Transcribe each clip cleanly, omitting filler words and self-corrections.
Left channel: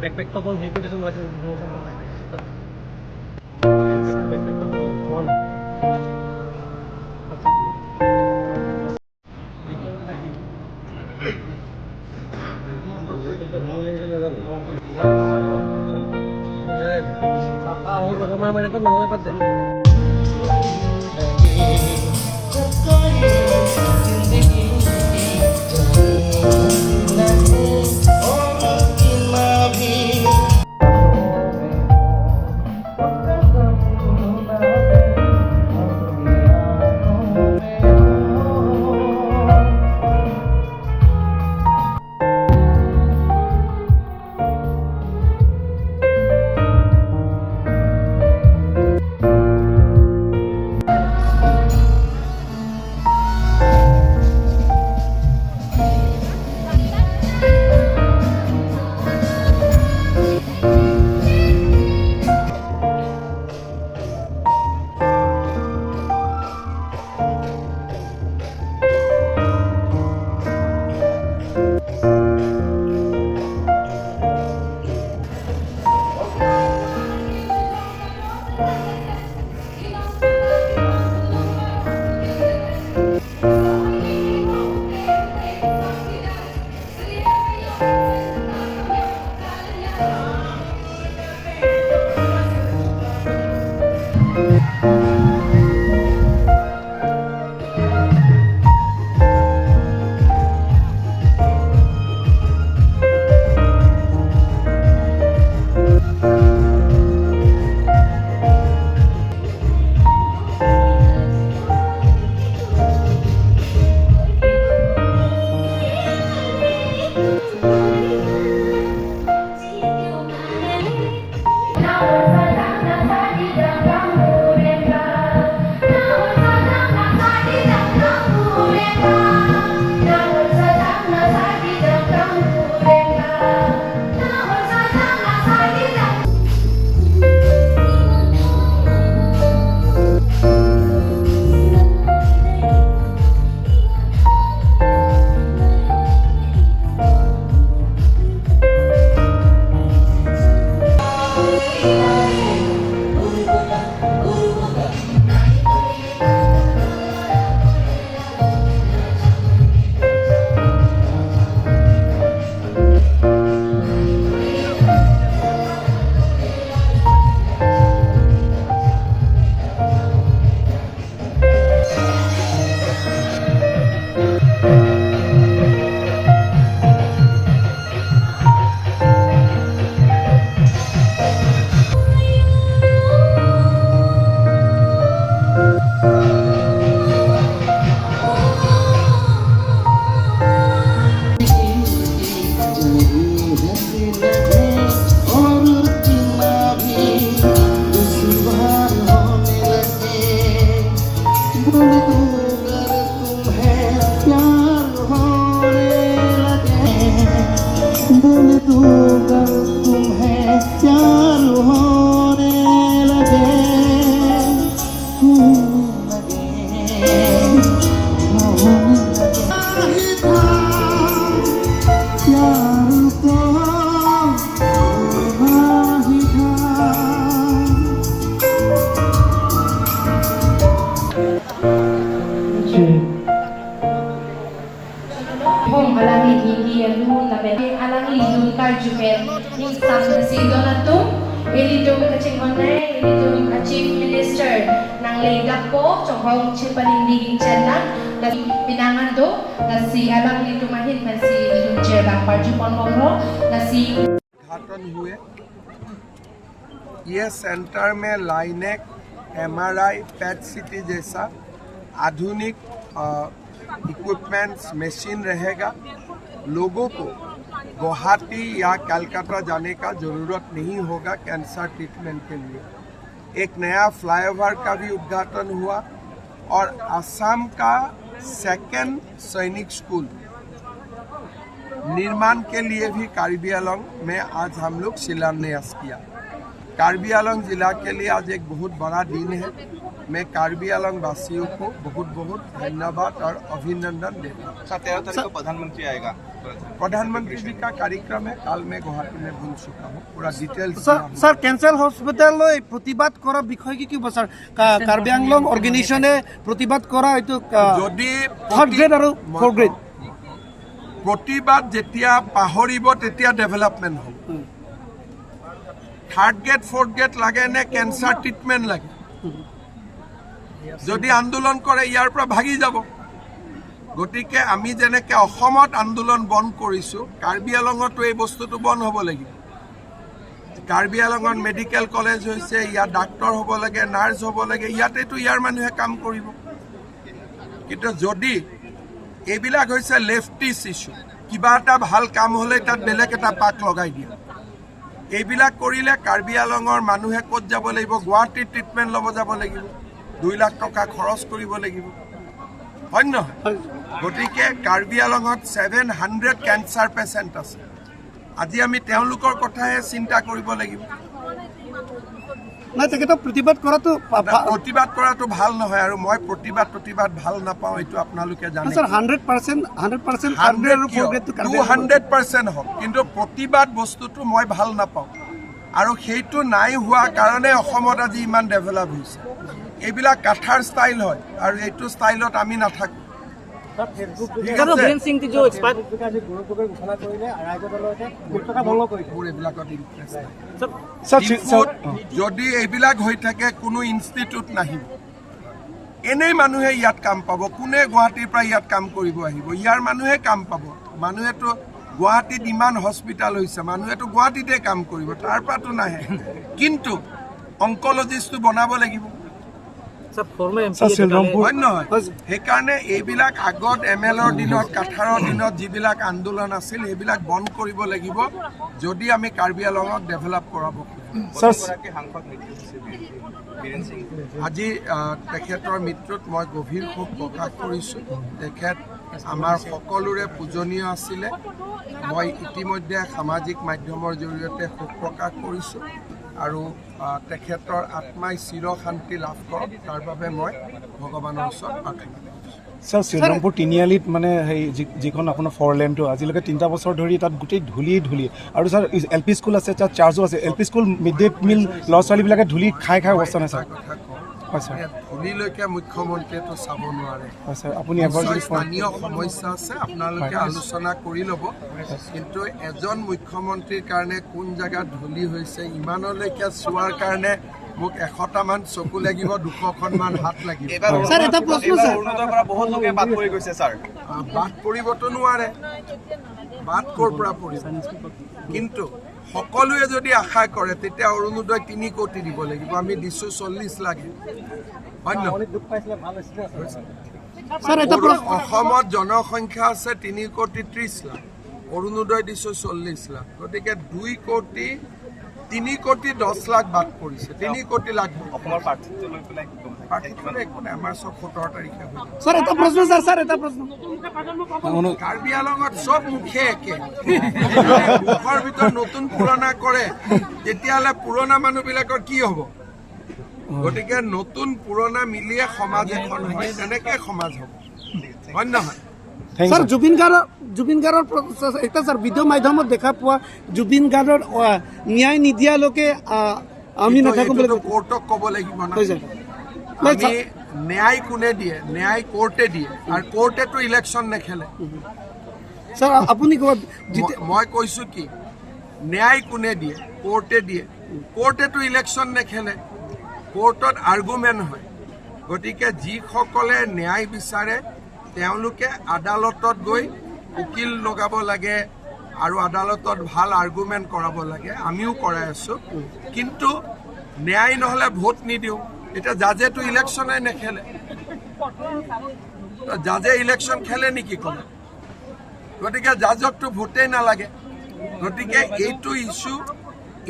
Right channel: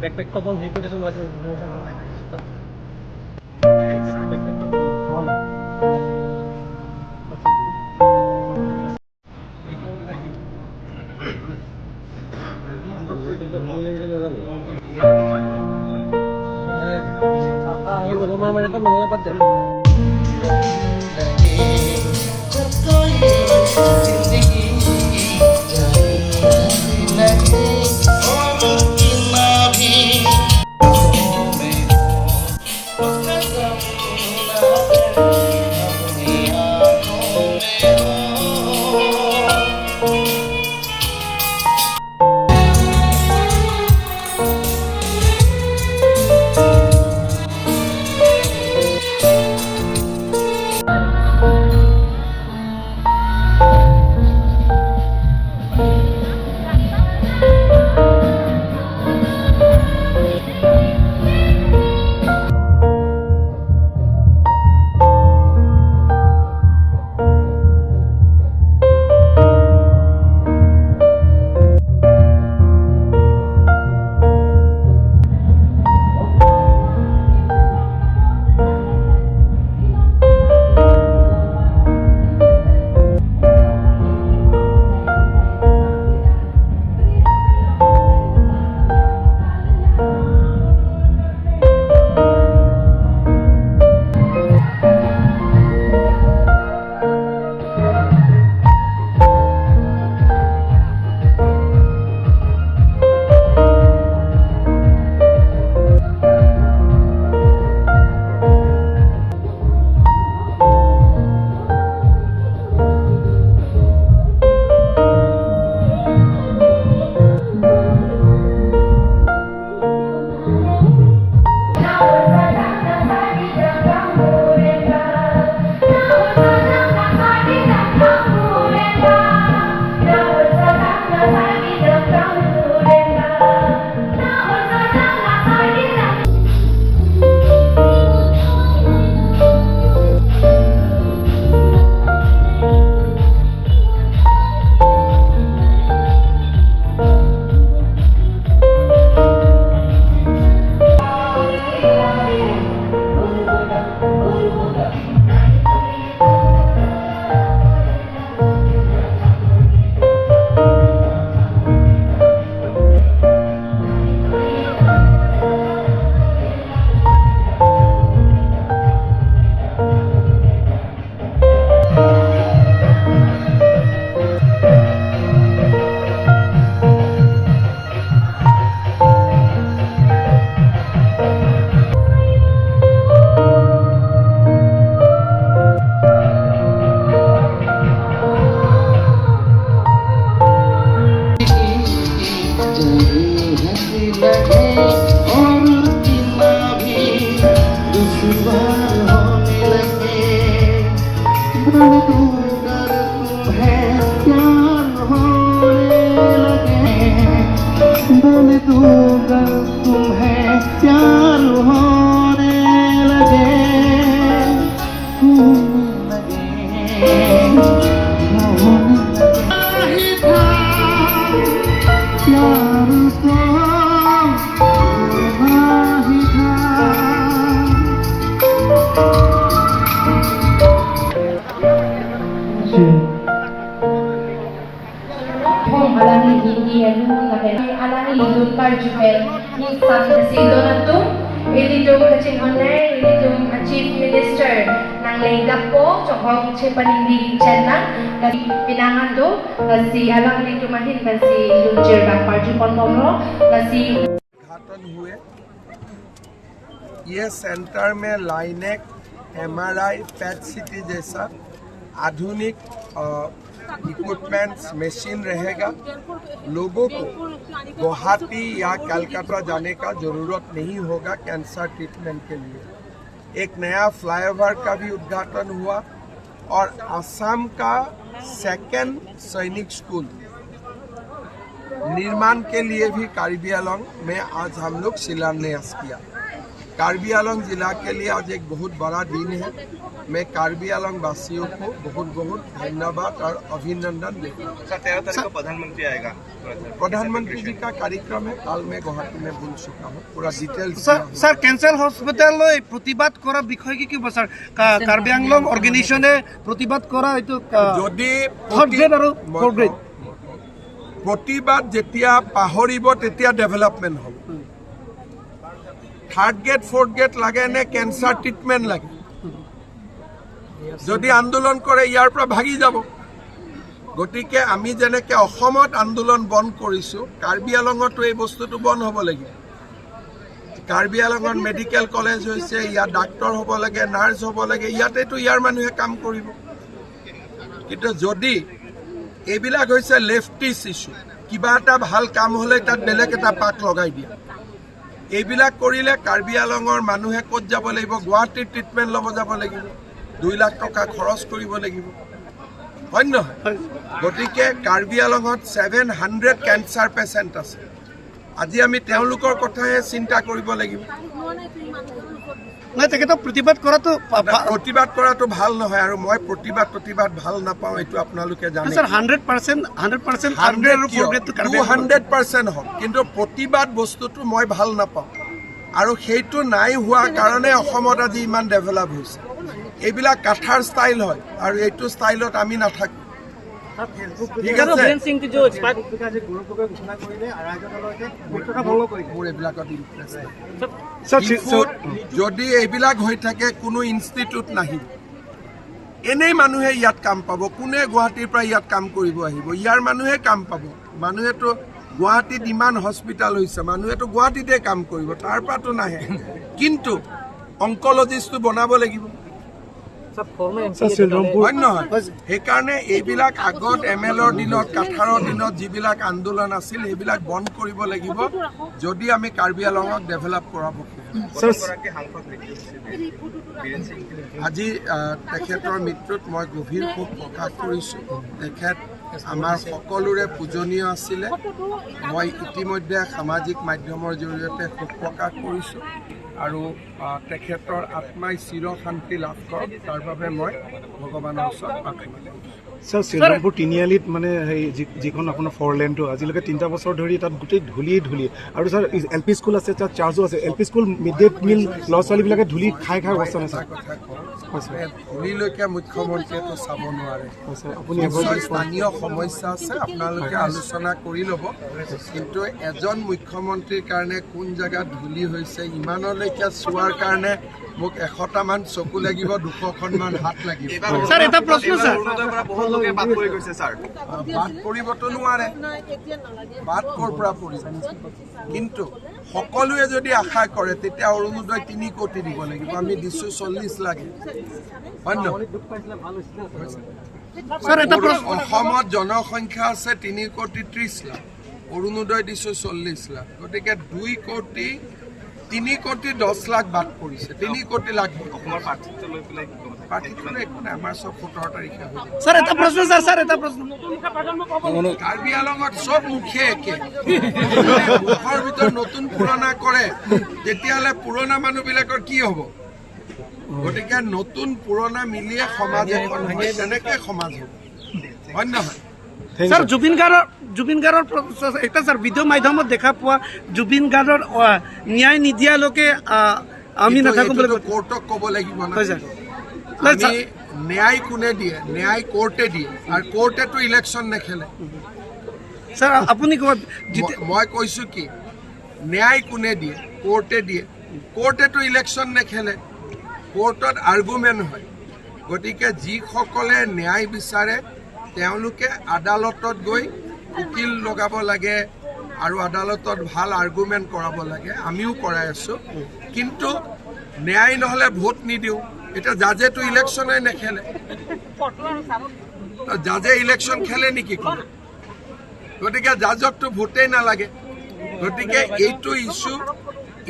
Backpack का बहुत नीचे तो वैसे Chief Minister ng Leidak ko, Chokong Chipanindiging Channang, na pinangando, na si Alang Litumahin, na si Lunjer Bakparju Kondomlo, na si उद्घाटन हुए। ये सेंटर में लाइनेक, MRI, पैट सिटी जैसा आधुनिक इक्विपमेंट्स मशीन रहेगा। लोगों को गुवाहाटी या कलकत्ता जाने का ज़रूरत नहीं होगा कैंसर ट्रीटमेंट के लिए। एक नया फ्लाईओवर का भी उद्घाटन हुआ और असम का सेकेंड सैनिक स्कूल निर्माण के लिए भी कार्बी आंगलॉन्ग में आज हम लोग शिलान्यास किया। कार्बी आंगलों जिला के लिए आज एक बहुत बड़ा दिन है। मैं कार्बी आंगलों वासियों को बहुत बहुत धन्यवाद और अभिनंदन देता हूँ। 13 तारीख को प्रधानमंत्री आएगा। प्रधानमंत्री जी का कार्यक्रम है, कल मैं गुवाहाटी में बोल चुका हूँ, पूरा डिटेल्स। স্যার ক্যান্সার হসপিটাললৈ প্রতিবাদ করা বিষয় কি স্যার? কার্বি আংলং অর্গানাইজেশনে প্রতিবাদ করা হয়তো যদি থার্ড গ্রেড আৰু ফ'ৰ্থ গ্ৰেড প্ৰতিবাদ যেতিয়া পাহৰিব তেতিয়া ডেভেলপমেণ্ট হ'ব। থাৰ্ড গ্ৰেড ফ'ৰ্থ গ্ৰেড লাগে নে কেঞ্চাৰ ট্ৰিটমেণ্ট লাগে? যদি আন্দোলন কৰে ইয়াৰ পৰা ভাগি যাব। গতিকে আমি যেনেকৈ অসমত আন্দোলন বন্ধ কৰিছোঁ, কাৰ্বি আংলঙতো এই বস্তুটো বন্ধ হ'ব লাগিব। কাৰ্বি আংলঙত মেডিকেল কলেজ হৈছে, ইয়াত ডাক্তৰ হ'ব লাগে, নাৰ্ছ হ'ব লাগে, ইয়াতেতো ইয়াৰ মানুহে কাম কৰিব। কিন্তু যদি এইবিলাক হৈছে লেফটিছ ইছ্যু, কিবা এটা ভাল কাম হ'লে তাত বেলেগ এটা পাক লগাই দিয়ে। এইবিলাক কৰিলে কাৰ্বি আংলঙৰ মানুহে ক'ত যাব লাগিব? গুৱাহাটীত ট্ৰিটমেণ্ট ল'ব যাব লাগিব, 2 লাখ টকা খৰচ কৰিব লাগিব, হয় নহয়? গতিকে কাৰ্বি আংলঙত 700 কেঞ্চাৰ পেচেণ্ট আছে। আজি আমি তেওঁলোকৰ কথাহে চিন্তা কৰিব লাগিব। নাই তেখেতক প্ৰতিবাদ কৰাটো প্ৰতিবাদ কৰাটো ভাল নহয়, আৰু মই প্ৰতিবাদ ভাল নাপাওঁ, এইটো আপোনালোকে জানে। স্যাৰ 100% 200% হওক, কিন্তু প্ৰতিবাদ বস্তুটো মই ভাল নাপাওঁ, আৰু সেইটো নাই হোৱা কাৰণে অসমত আজি ইমান ডেভেলপ হৈছে। এইবিলাক কাঠাৰ ষ্টাইল হয়, আৰু এইটো ষ্টাইলত আমি নাথাকোঁ। ঠিক আছে, মোৰ এইবিলাকত ইণ্টাৰেষ্ট নাই। ডিফুত যদি এইবিলাক হৈ থাকে কোনো ইনষ্টিটিউট নাহিব, এনেই মানুহে ইয়াত কাম পাব। কোনে গুৱাহাটীৰ পৰা ইয়াত কাম কৰিব আহিব? ইয়াৰ মানুহে কাম পাব। মানুহেতো গুৱাহাটীত ইমান হস্পিটেল হৈছে, মানুহেতো গুৱাহাটীতে কাম কৰিব, তাৰ পৰাতো নাহে। কিন্তু অংকলজিষ্টটো বনাব লাগিব, হয় নহয়? সেইকাৰণে এইবিলাক আগত MLৰ দিনত, কাঠাৰৰ দিনত যিবিলাক আন্দোলন আছিল সেইবিলাক বন্ধ কৰিব লাগিব, যদি আমি কাৰ্বি আংলঙক ডেভেলপ কৰাব খোজোঁ। আজি তেখেতৰ মৃত্যুত মই গভীৰ শোক প্ৰকাশ কৰিছোঁ। তেখেত আমাৰ সকলোৰে পূজনীয় আছিলে। মই ইতিমধ্যে সামাজিক মাধ্যমৰ জৰিয়তে শোক প্ৰকাশ কৰিছোঁ, আৰু তেখেতৰ আত্মাই চিৰ শান্তি লাভ কৰক, তাৰ বাবে মই ভগৱানৰ ওচৰত প্ৰাৰ্থনা কৰিছোঁ। স্যাৰ শ্ৰীৰামপুৰ তিনিআলিত মানে সেই যিখন আপোনাৰ 4 লেনটো আজিলৈকে 3টা বছৰ ধৰি তাত গোটেই ধূলি, আৰু স্যাৰ LP স্কুল আছে, তাত চাৰ্জো আছে। LP school mid day meal ল'ৰা ছোৱালীবিলাকে ধূলি খাই অৱস্থা নাই। কথা কওঁ, ধূলিলৈকে মুখ্যমন্ত্ৰীয়েতো চাব নোৱাৰে। আপুনি স্থানীয় সমস্যা আছে, আপোনালোকে আলোচনা কৰি ল'ব। কিন্তু এজন মুখ্যমন্ত্ৰীৰ কাৰণে কোন জেগাত ধূলি হৈছে ইমানলৈকে চোৱাৰ কাৰণে মোক 100টামান চকু লাগিব, 200খনমান হাত লাগিব। স্যাৰ এটা প্ৰশ্ন স্যাৰ, বাদ পৰিবতো নোৱাৰে, বাদ ক'ৰ পৰা পৰিব? কিন্তু সকলোৱে যদি আশা কৰে তেতিয়া অৰুণোদয় 3 কোটি দিব লাগিব। আমি দিছোঁ 40 লাগে, হয় নহয়? স্যার এটা অসমত জনসংখ্যা আছে 3,30,00,000 লাখ, অৰুণোদয় দিছোঁ 40 লাখ। গতিকে 2 কোটি 3 কোটি 10 লাখ বাদ পৰিছে, 3 কোটি লাখ। প্ৰাৰ্থিত্ব একো নাই, আমাৰ চব 17 তাৰিখে হৈ যাব। স্যাৰ এটা প্ৰশ্ন স্যাৰ এটা প্ৰশ্ন। কাৰ্বি আংলঙত চব মুখে একে, মুখৰ ভিতৰত নতুন পুৰণা কৰে, তেতিয়াহ'লে পুৰণা মানুহবিলাকৰ কি হ'ব? গতিকে নতুন পুৰণা মিলিয়ে সমাজ এখন হয়, তেনেকৈ সমাজ হ'ব, হয় নহয়? স্যার জুবিন গাৰ্ডৰ এটা স্যাৰ ভিডিঅ' মাধ্যমত দেখা পোৱা জুবিন গাৰ্ডৰ ন্যায় নিদিয়ালৈকে আমি নাথাকো বুলি কোৰ্টক ক'ব লাগিব না। আমি ন্যায় কোনে দিয়ে? ন্যায় কোৰ্টে দিয়ে, আৰু কোৰ্টেতো ইলেকশ্যন নেখেলে। স্যাৰ আপুনি মই কৈছোঁ কি, ন্যায় কোনে দিয়ে? কোৰ্টে দিয়ে। কোৰ্টেতো ইলেকশ্যন নেখেলে, কোৰ্টত আৰ্গুমেণ্ট হয়। গতিকে যিসকলে ন্যায় বিচাৰে তেওঁলোকে আদালতত গৈ উকিল লগাব লাগে, আৰু আদালতত ভাল আৰ্গুমেণ্ট কৰাব লাগে। আমিও কৰাই আছোঁ, কিন্তু ন্যায় নহ'লে ভোট নিদিওঁ। এতিয়া জাজেতো ইলেকশ্যনে নেখেলে, জাজে ইলেকশ্যন খেলে নেকি কোনো? গতিকে জাজকতো ভোটেই নালাগে। গতিকে এইটো ইছ্যু,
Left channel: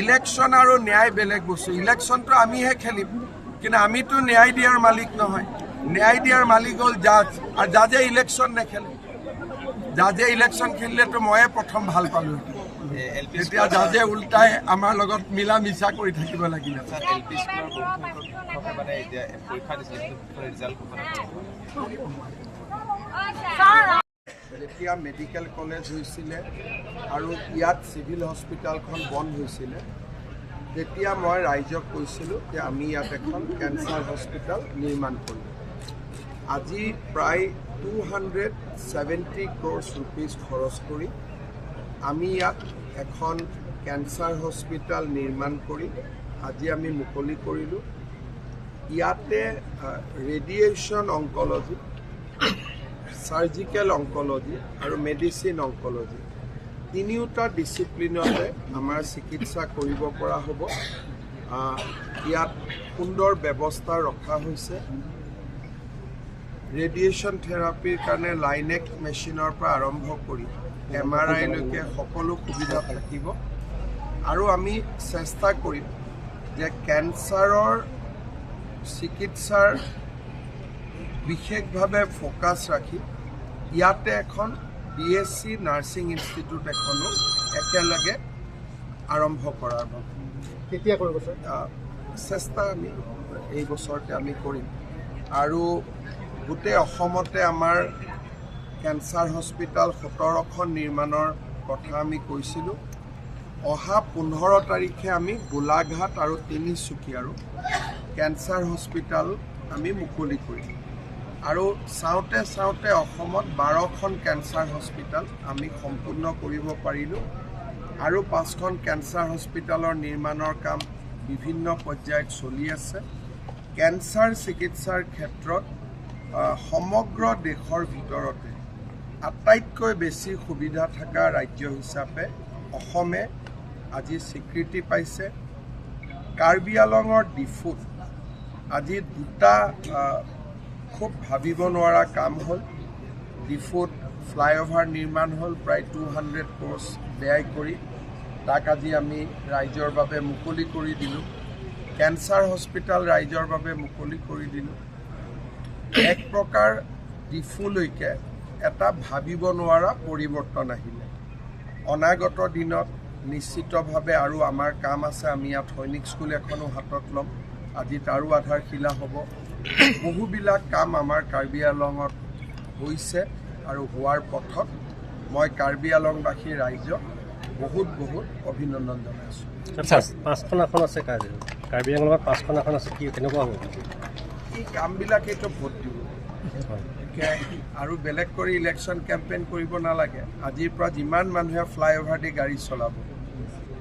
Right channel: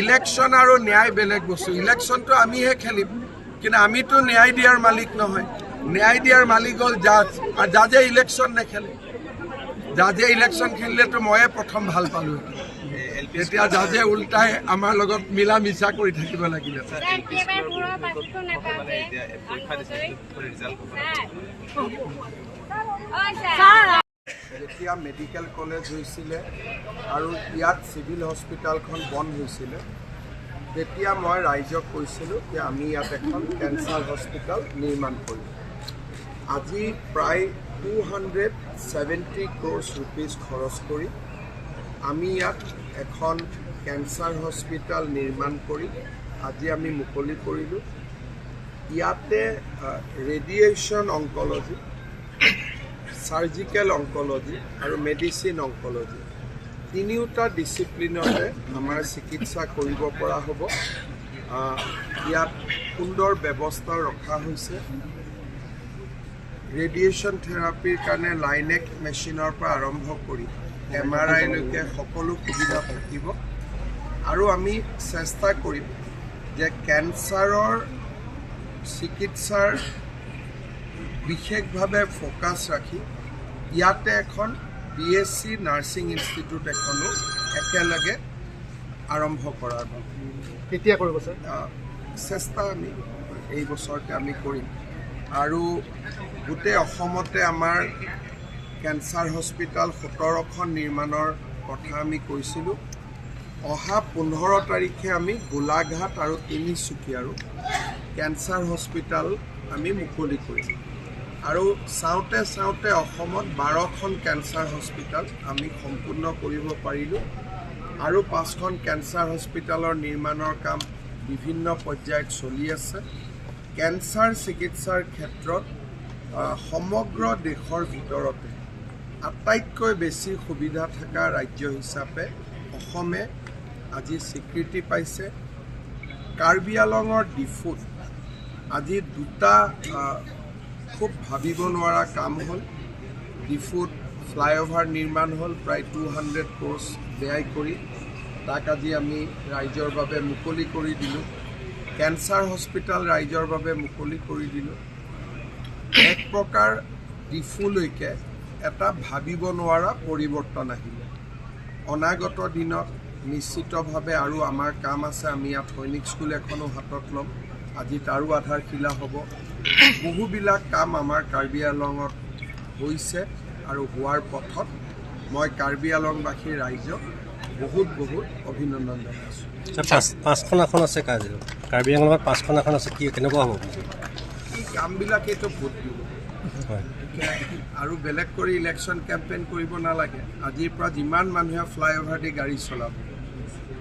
ইলেকশ্যন আৰু ন্যায় বেলেগ বস্তু। ইলেকশ্যনটো আমিহে খেলিম, কিন্তু আমিতো ন্যায় দিয়াৰ মালিক নহয়। ন্যায় দিয়াৰ মালিক হ'ল জাজ, আৰু জাজে ইলেকশ্যন নেখেলে। জাজে ইলেকশ্যন খেলিলেতো ময়ে প্ৰথম ভাল পালোঁ এতিয়া জাজে উল্টাই আমাৰ লগত মিলা মিছা কৰি থাকিব লাগিল মানে এতিয়া পৰীক্ষা দিছে ৰিজাল্ট যেতিয়া মেডিকেল কলেজ হৈছিলে আৰু ইয়াত চিভিল হস্পিটেলখন বন্ধ হৈছিলে তেতিয়া মই ৰাইজক কৈছিলোঁ যে আমি ইয়াত এখন কেঞ্চাৰ হস্পিটেল নিৰ্মাণ কৰিম আজি প্ৰায় 270 crores rupees খৰচ কৰি আমি ইয়াত এখন কেঞ্চাৰ হস্পিটেল নিৰ্মাণ কৰি আজি আমি মুকলি কৰিলোঁ ইয়াতে ৰেডিয়েশ্যন অংকলজি সাৰ্জিকেল অংকলজি আৰু মেডিচিন অংকলজি তিনিওটা ডিচিপ্লিনতে আমাৰ চিকিৎসা কৰিব পৰা হ'ব ইয়াত সুন্দৰ ব্যৱস্থা ৰখা হৈছে ৰেডিয়েশ্যন থেৰাপিৰ কাৰণে লাইনেক মেচিনৰ পৰা আৰম্ভ কৰি MRI লৈকে সকলো সুবিধা থাকিব আৰু আমি চেষ্টা কৰিম যে কেঞ্চাৰৰ চিকিৎসাৰ বিশেষভাৱে ফ'কাছ ৰাখি ইয়াতে এখন BSc নাৰ্ছিং ইনষ্টিটিউট এখনো একেলগে আৰম্ভ কৰাৰ কেতিয়া কৰিব স্যাৰ চেষ্টা আমি এই বছৰতে আমি কৰিম আৰু গোটেই অসমতে আমাৰ কেঞ্চাৰ হস্পিটেল 17খন নিৰ্মাণৰ কথা আমি কৈছিলোঁ অহা 15 তাৰিখে আমি গোলাঘাট আৰু তিনিচুকীয়াৰো কেঞ্চাৰ হস্পিটেল আমি মুকলি কৰিম আৰু চাওঁতে চাওঁতে অসমত 12খন কেঞ্চাৰ হস্পিটেল আমি সম্পূৰ্ণ কৰিব পাৰিলোঁ আৰু 5খন কেঞ্চাৰ হস্পিটেলৰ নিৰ্মাণৰ কাম বিভিন্ন পৰ্যায়ত চলি আছে কেঞ্চাৰ চিকিৎসাৰ ক্ষেত্ৰত সমগ্ৰ দেশৰ ভিতৰতে আটাইতকৈ বেছি সুবিধা থকা ৰাজ্য হিচাপে অসমে আজি স্বীকৃতি পাইছে কাৰ্বি আংলঙৰ ডিফুত আজি দুটা খুব ভাবিব নোৱাৰা কাম হ'ল ডিফুত ফ্লাইঅভাৰ নিৰ্মাণ হ'ল প্ৰায় 200 crores ব্যয় কৰি তাক আজি আমি ৰাইজৰ বাবে মুকলি কৰি দিলোঁ কেঞ্চাৰ হস্পিটেল ৰাইজৰ বাবে মুকলি কৰি দিলোঁ এক প্ৰকাৰ ডিফুলৈকে এটা ভাবিব নোৱাৰা পৰিৱৰ্তন আহিলে অনাগত দিনত নিশ্চিতভাৱে আৰু আমাৰ কাম আছে আমি ইয়াত সৈনিক স্কুল এখনো হাতত ল'ম আজি তাৰো আধাৰশিলা হ'ব বহুবিলাক কাম আমাৰ কাৰ্বি আংলঙত হৈছে আৰু হোৱাৰ পথত মই কাৰ্বি আংলঙবাসী ৰাইজক বহুত বহুত অভিনন্দন জনাইছোঁ 5খন আসন আছে কাৰ্বি আংলঙত 5খন আসন আছে কি কেনেকুৱা হ'ব এই কামবিলাকেইতো ভোট দিব আৰু বেলেগ কৰি ইলেকশ্যন কেম্পেইন কৰিব নালাগে আজিৰ পৰা যিমান মানুহে ফ্লাইঅভাৰ দি গাড়ী চলাব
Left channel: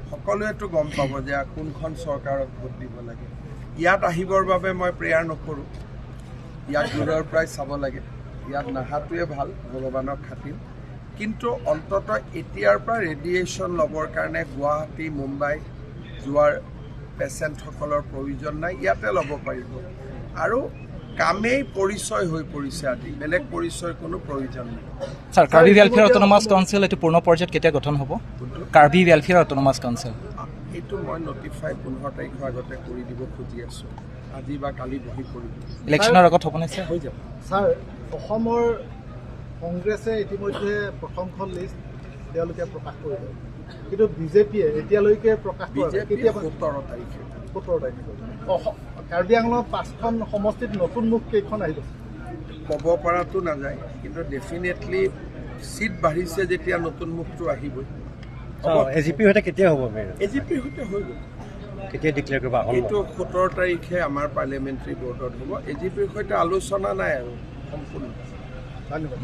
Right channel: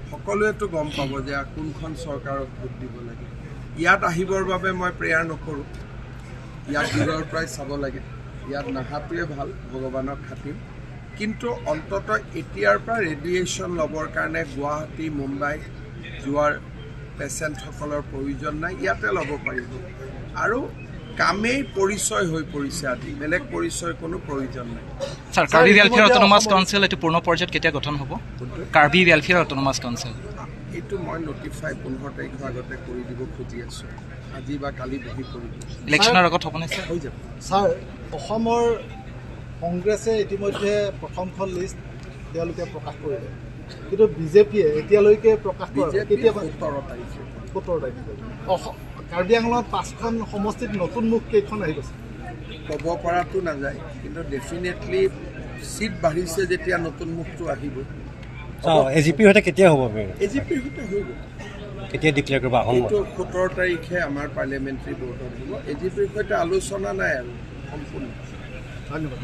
সকলোৱেতো গম পাব যে কোনখন চৰকাৰক ভোট দিব লাগে ইয়াত আহিবৰ বাবে মই প্ৰেয়াৰ নকৰোঁ ইয়াত দূৰৰ পৰাই চাব লাগে ইয়াত নাহাটোৱে ভাল ভগৱানক খাতিৰ কিন্তু অন্ততঃ এতিয়াৰ পৰা ৰেডিয়েশ্যন ল'বৰ কাৰণে গুৱাহাটী মুম্বাই যোৱাৰ পেচেণ্টসকলৰ প্ৰয়োজন নাই ইয়াতে ল'ব পাৰিব আৰু কামেই পৰিচয় হৈ পৰিছে আজি বেলেগ পৰিচয় কোনো প্ৰয়োজন নাই sir Karbi welfare autonomous council এইটো পূৰ্ণ পৰ্যায়ত কেতিয়া গঠন হ'ব কাৰ্বি ৱেলফেয়াৰ অট'নমাছ কাউন্সিল এইটো মই নটিফাই 15 তাৰিখৰ আগতে কৰি দিব খুজি আছোঁ আজি বা কালি বহি কৰিব ইলেকশ্যনৰ আগত হ'বনে স্যাৰ হৈ যাব ছাৰ অসমৰ কংগ্ৰেছে ইতিমধ্যে প্ৰথমখন লিষ্ট তেওঁলোকে প্ৰকাশ কৰিলে কিন্তু বিজেপিয়ে এতিয়ালৈকে প্ৰকাশ কৰা কেতিয়া 17 তাৰিখে 17 তাৰিখে কাৰ্বি আংলঙত 5খন সমষ্টিত নতুন মুখ কেইখন আহি গৈছে ক'ব পৰাটো নাযায় কিন্তু ডেফিনেটলি চিট বাঢ়িছে যেতিয়া নতুন মুখটো আহিবই এজিপিৰ সৈতে কেতিয়া হ'ব এজিপিৰ সৈতে হৈ গ'ল কেতিয়া ডিক্লেয়াৰ কৰিব আসন এইটো 17 তাৰিখে আমাৰ পাৰ্লিয়ামেণ্টাৰী বৰ্ডত হ'ব এজিপিৰ সৈতে আলোচনা নাই আৰু সম্পূৰ্ণ ধন্যবাদ